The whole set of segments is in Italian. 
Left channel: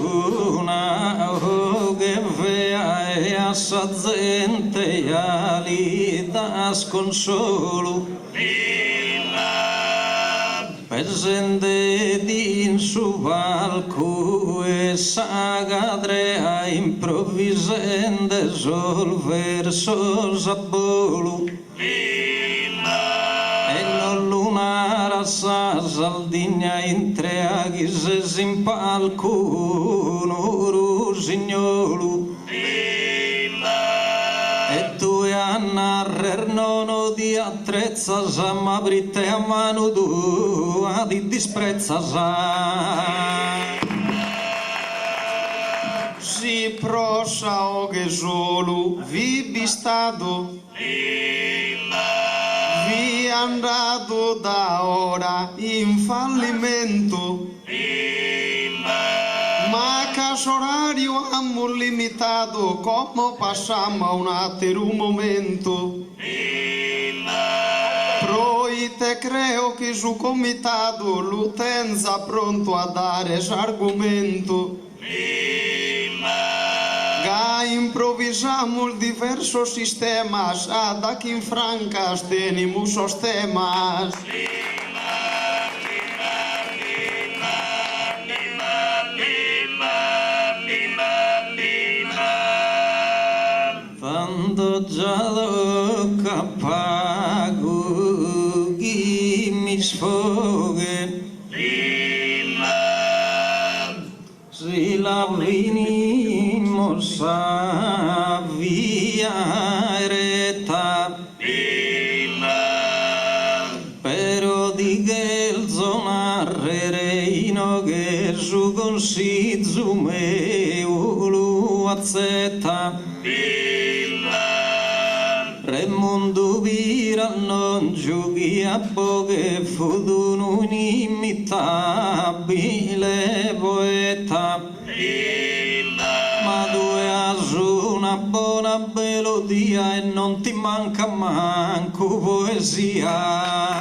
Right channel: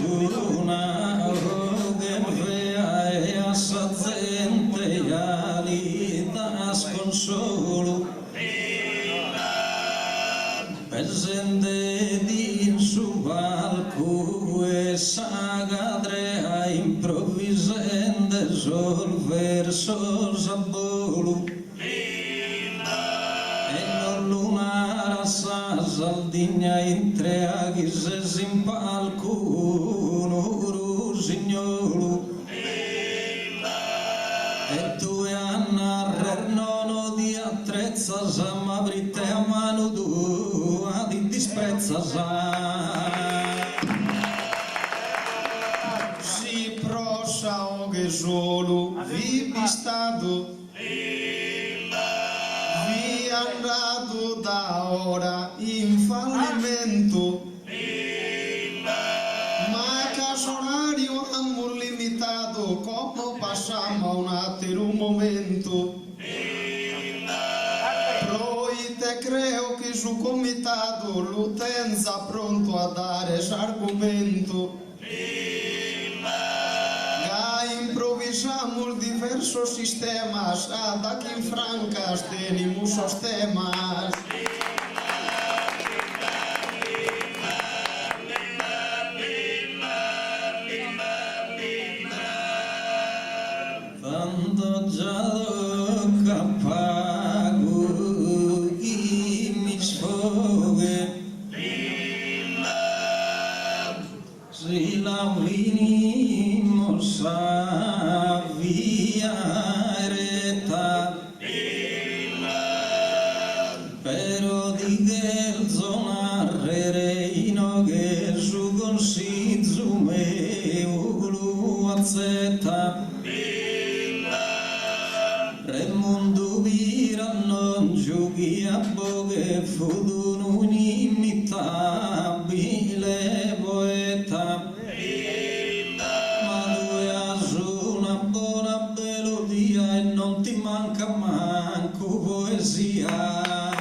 giuna che vea e a sa gente ali da sconsolo presente din su palco e sa cadrea improvvisende sol verso sabolo e non lunara sa saldigna in tre aghi se sin palco un rusignolo e tu e a narrer nono di attrezza sa ma britte a mano tua di disprezza sa si prosa o che solo vi bistato vi andato da ora in fallimento ma caso orario amo limitato come passiamo a un altro momento proite creo che su comitato l'utenza pronto a dare argomento improvisamos diversos sistemas daqui em francas tenemos os temas tanto già lo capago chi mi sfoghe si la venimos a via retta però di che zona reino che su consiglio meu lo azzetta Remondo vira non giochi a poche futuro un inimitabile poeta ma tu hai una buona melodia e non ti manca manco poesia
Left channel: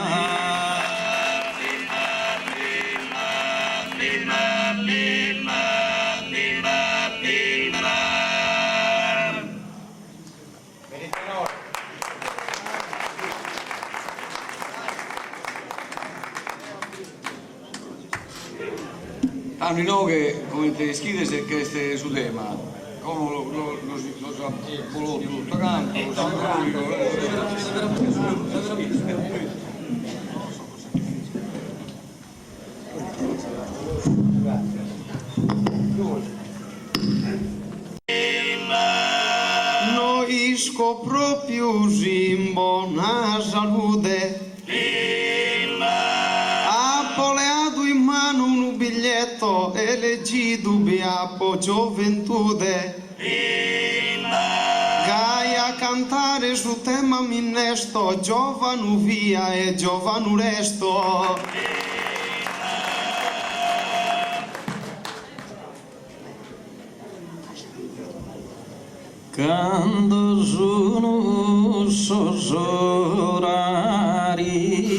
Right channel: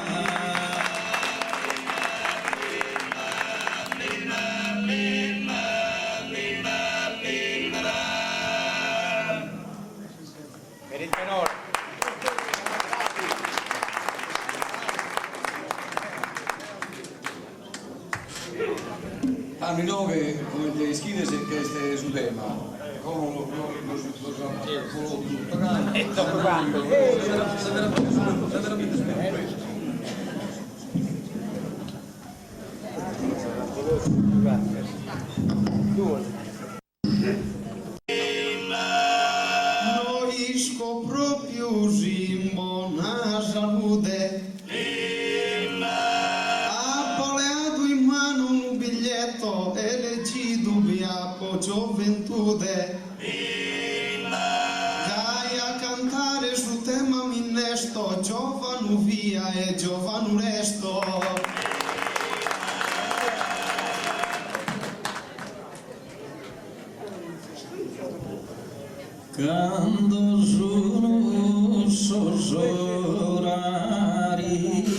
Hanno no che come te scrive se che este su tema come lo volò tutto canto noi scopro più simbo na salute elegido beapo gioventùde Gaia cantare su tema minnesto giovanu via e giovanu resto quando sono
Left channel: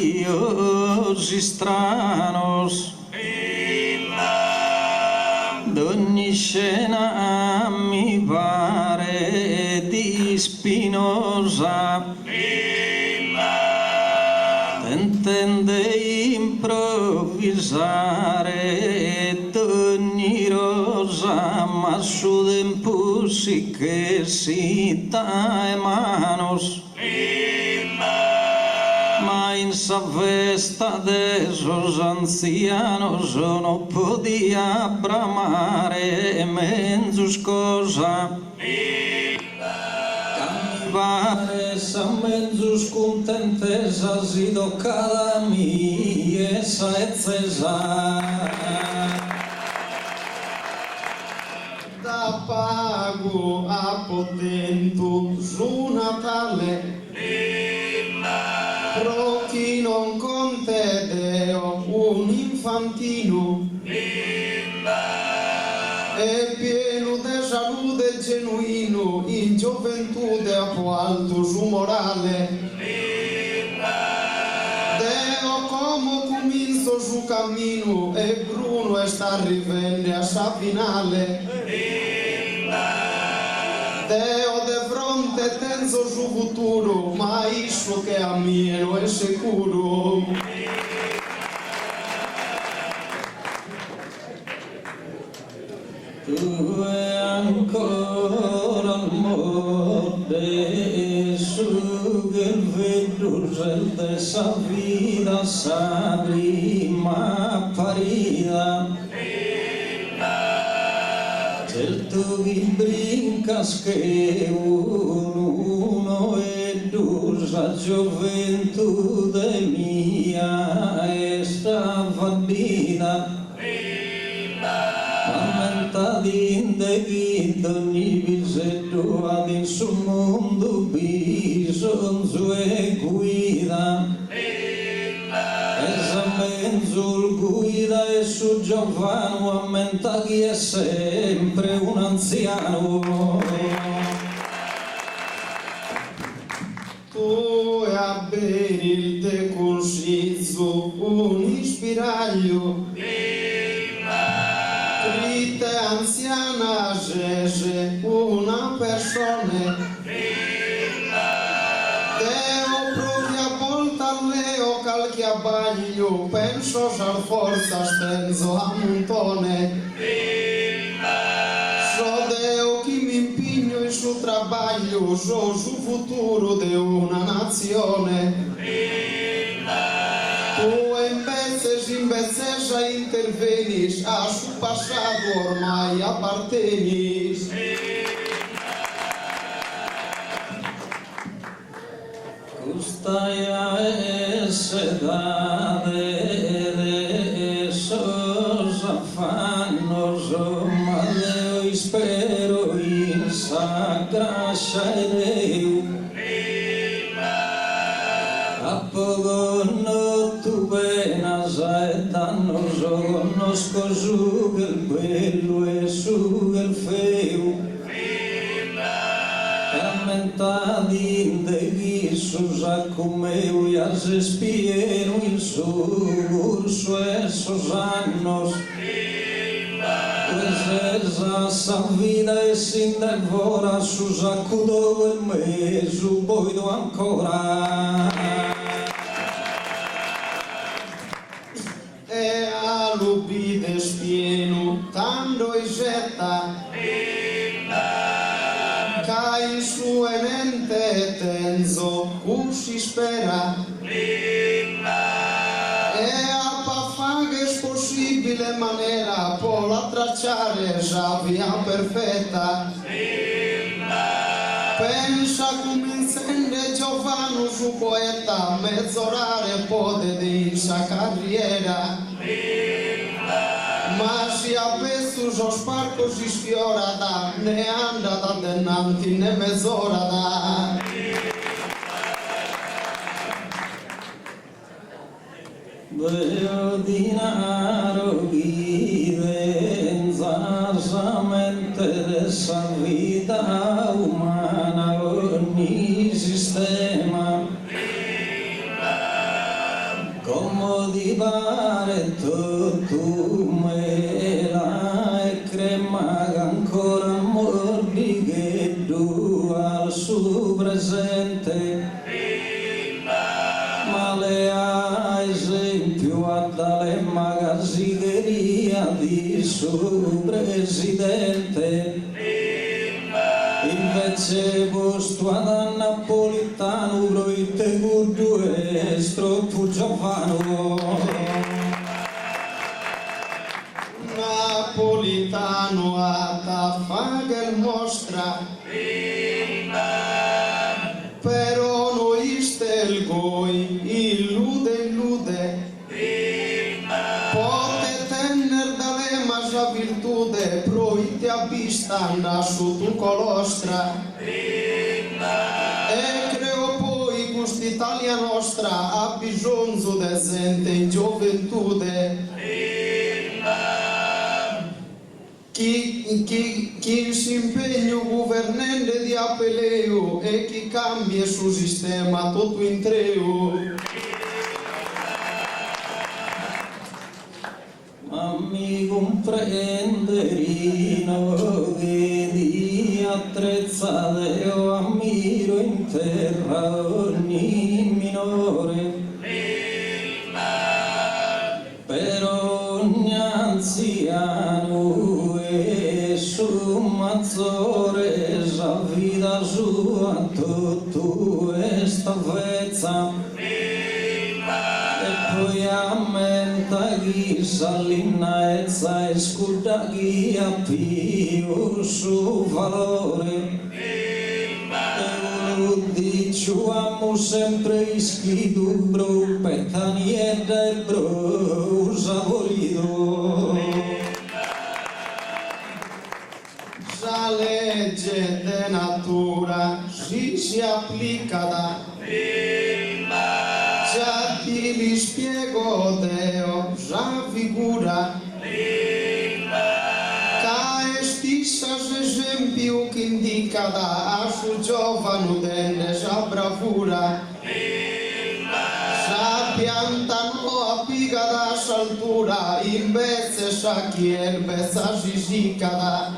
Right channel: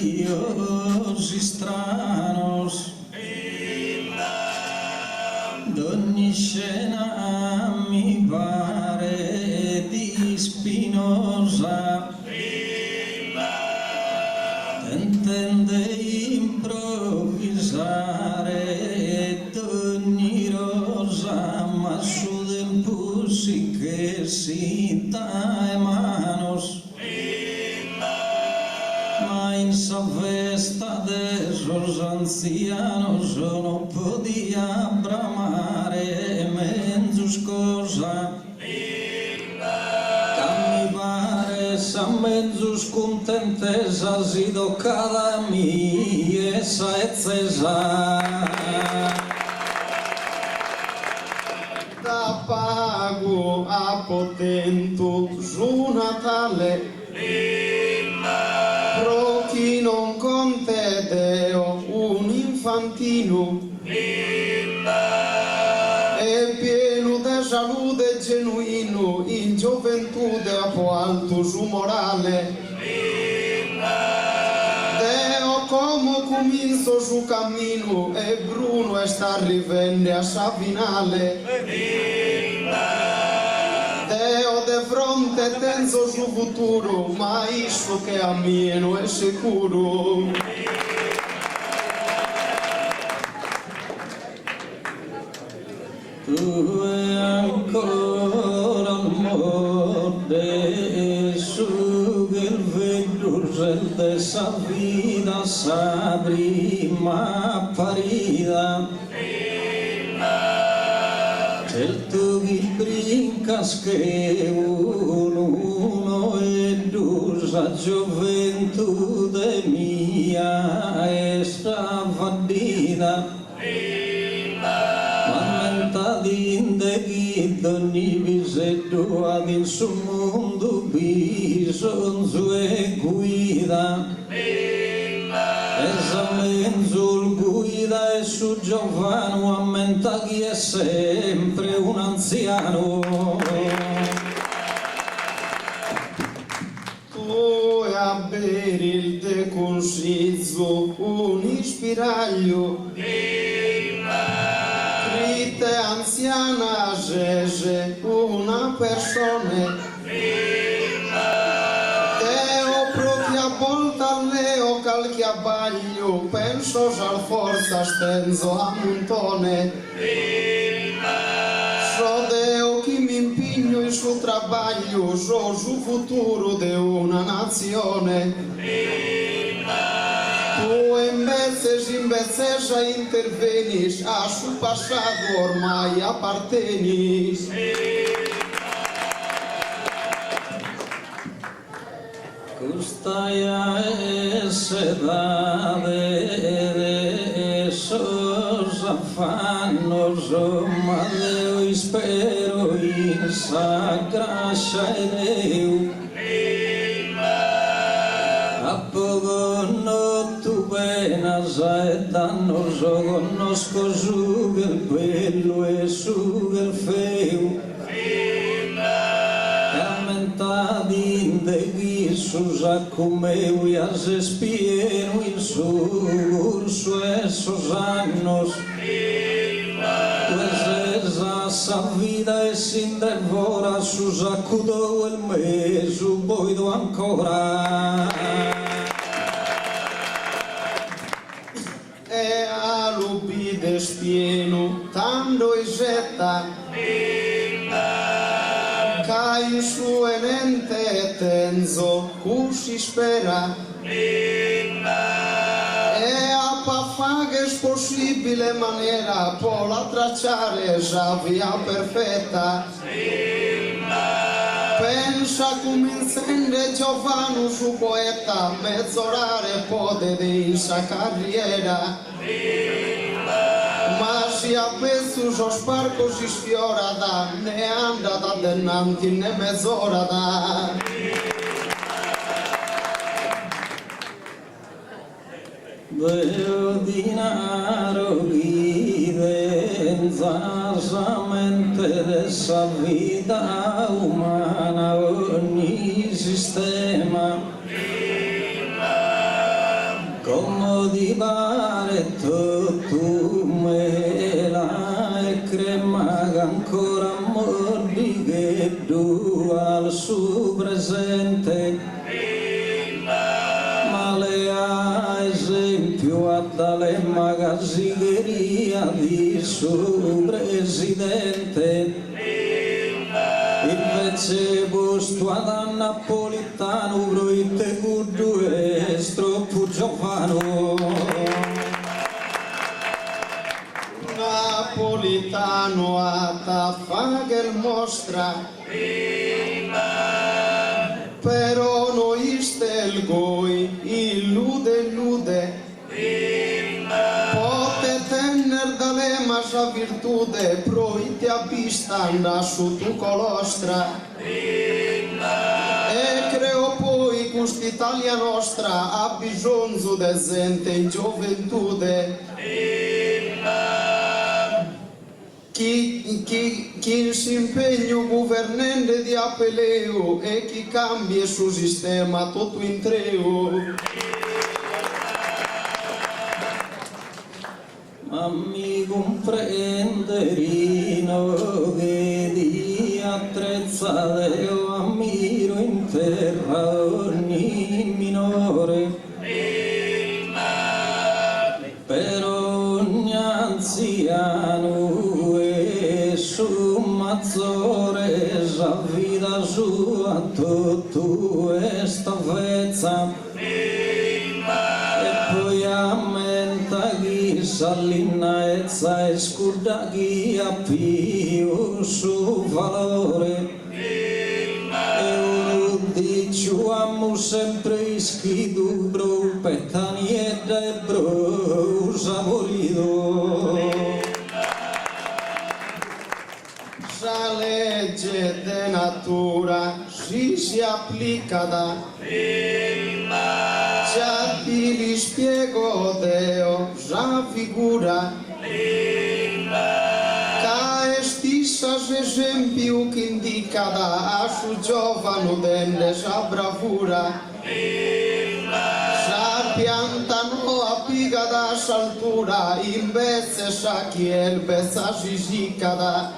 orarios stranos d'ogni scena mi pare di Spinoza tentende improvvisare d'ogni rosa ma su tempo sì che si dà manos ma in sa festa de esos ancianos non podia bramare menzus cosa che mi pare sa menzus contentesa si toccada mi essa eccesa da pago a potento su Natale pro chi non contedeo un infantino è pieno di salute genuino in gioventù a po' alto su morale deo como cominço o cammino e Bruno está arrivando a finale. Deo de fronte tenso o futuro, ma isso che a mio non è sicuro. Tu è ancora al mode su che il vedusel de sa vida sa prima parida. Cel tu che brincas che uno e dus a gioventù mia è stravadina. Mamenta dinde che ogni visetto ad in su mondo bisogno e guida. Esa menzul guida e su Giovano ammenta che è sempre un anziano. Tu e a bere il te consiglio un ispiraglio. Triste anziana Gege, una persona. Deo propria volta leo calchi abbaglio, penso già forza stenzo a montone. So Deo che mi impegno il suo trabaglio, so su futuro di una nazione. Tu invece già intervenis, a su passato ormai appartenis. Custaia esse dade esos afanos ma Deo spero in sa gracia e Deo a poco no tu venas e dannos conosco su el bello e su el feo de Jesús a comeu e as espiero in su curso esos anos pues esa sa vida e sin devora su sacudou el meso boido ancora E a lubides pieno tando e getta cai su enente tenzo cusci spera e a pafagues possibile manera pola tracciare già via perfetta pensa come incende Giovano su poeta mezz'orare pode di sa carriera ma si a pesus os parcos si sfiora da ne anda da denanti ne mezz'ora da Deo dinaro guidenza sa mente de sa vida umana ogni sistema comodivare tutto me la e crema ancora mordi che du al suo presente male a esempio a dalle magazzigheria di suo presidente invece posto ad Napolitano proite cuddu e stroppo Giovano Napolitano a tafagel mostra però noi stel goi illude pote tener dalle masa virtude proite a bistanda su tu colostra e creo poi quest'Italia nostra ha bisogno de gente in gioventùde chi si impegna governante di appeleo e chi cambia il suo sistema tutto in treo ma mi comprenderino che di attrezzate io ammiro in terra ogni minore. Per ogni anziano e sommazzore sa vita sua tutto è stavezza. E poi ammenta chi s'allinnaezza e scuda chi ha più su valore. Diciamo sempre scritto bro, pettanietta e bro, saporito. La legge de natura si applica da già ti li spiego Deo, già figura stissas esempio che indica da su giovane dende sa bravura sa piantano a piga da saltura invece sa chi è il bezza sisica da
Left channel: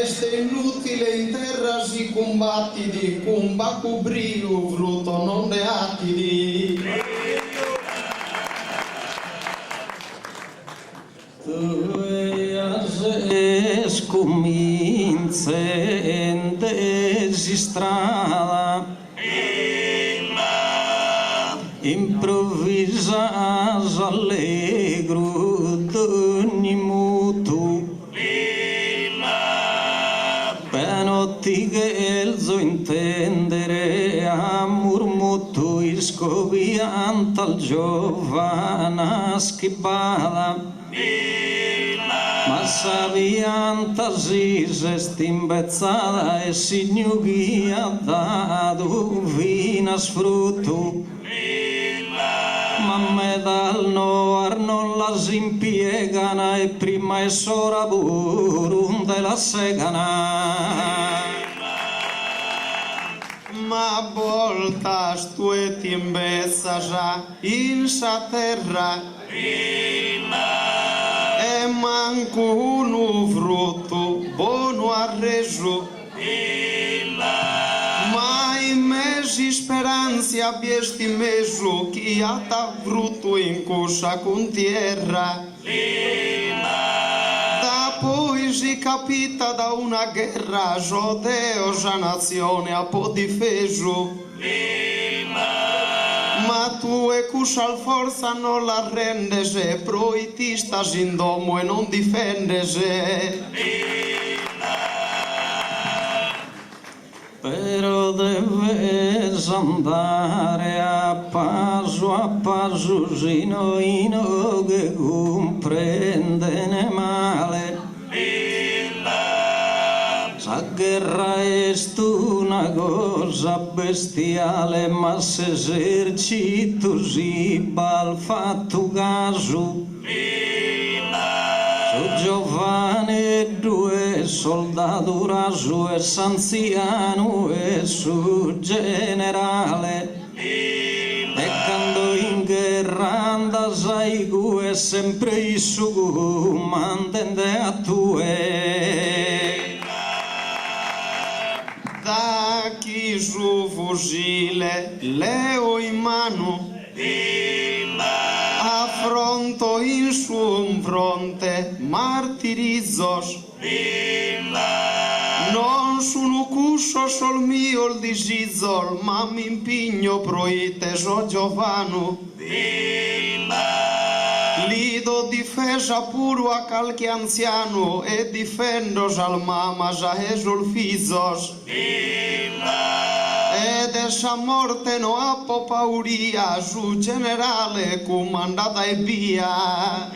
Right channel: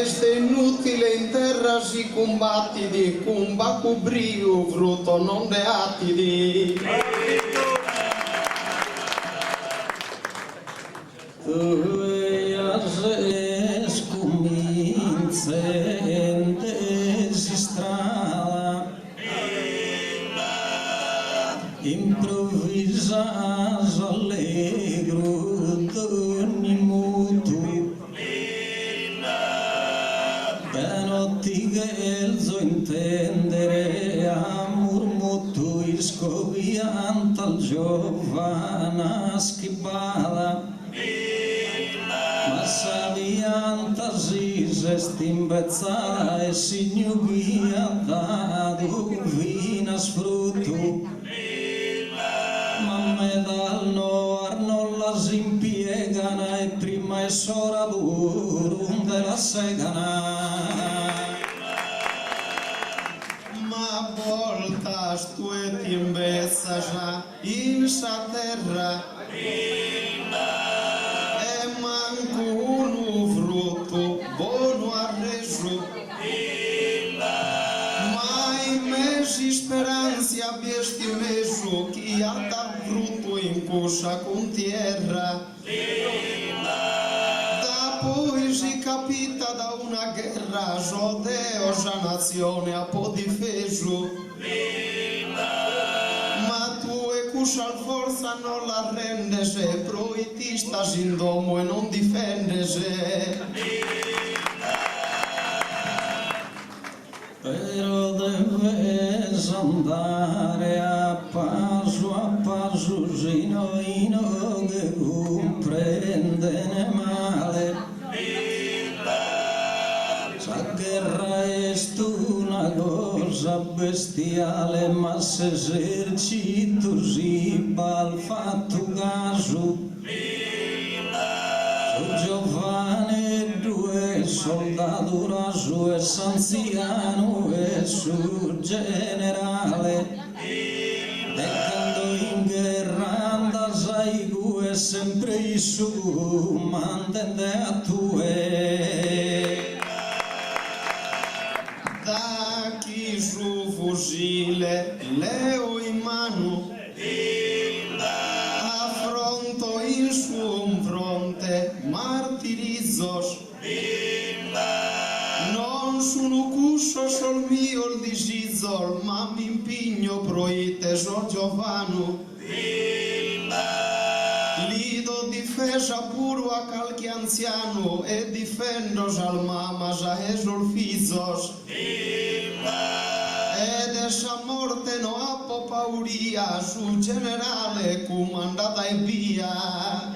este inutile in terra si combatti di comba cubrio frutto non de atti di scomincente si strada improvvisa allegro d'ogni mutu penotti che elzo intendere a murmutu iscovianta al giovana schibala. Ma savianta si stimbezzata e si gnughia da vina sfrutto. Ma me dal noar non la si impiegana e prima è sora burum della segana. Ma voltas tu et imbezza già in sa terra e manco uno frutto buono ha reso ma in mesi speranze abbiesti messo chi ha ta frutto in cosa con tierra da poi si capita da una guerra Deo già nazione ha po' difeso ma tu e cusal forza non la rendese proitista in domo e non difendese però deves andare a passo sino che comprendene male. La guerra è una cosa bestiale, ma se esercito si al fatto caso. Su giovane due soldato raso e s'anziano e su generale. E quando in guerra anda sai che è sempre il suo mantende a tue. Da chi su fucile leo in mano affronto in su fronte martirizzos non sono cusso sol mio il disizol ma mi impigno proite so giovano lido difesa puro a qualche anziano e difendo al mama già esul fizos ed essa morte no appo pauria su generale comandata e via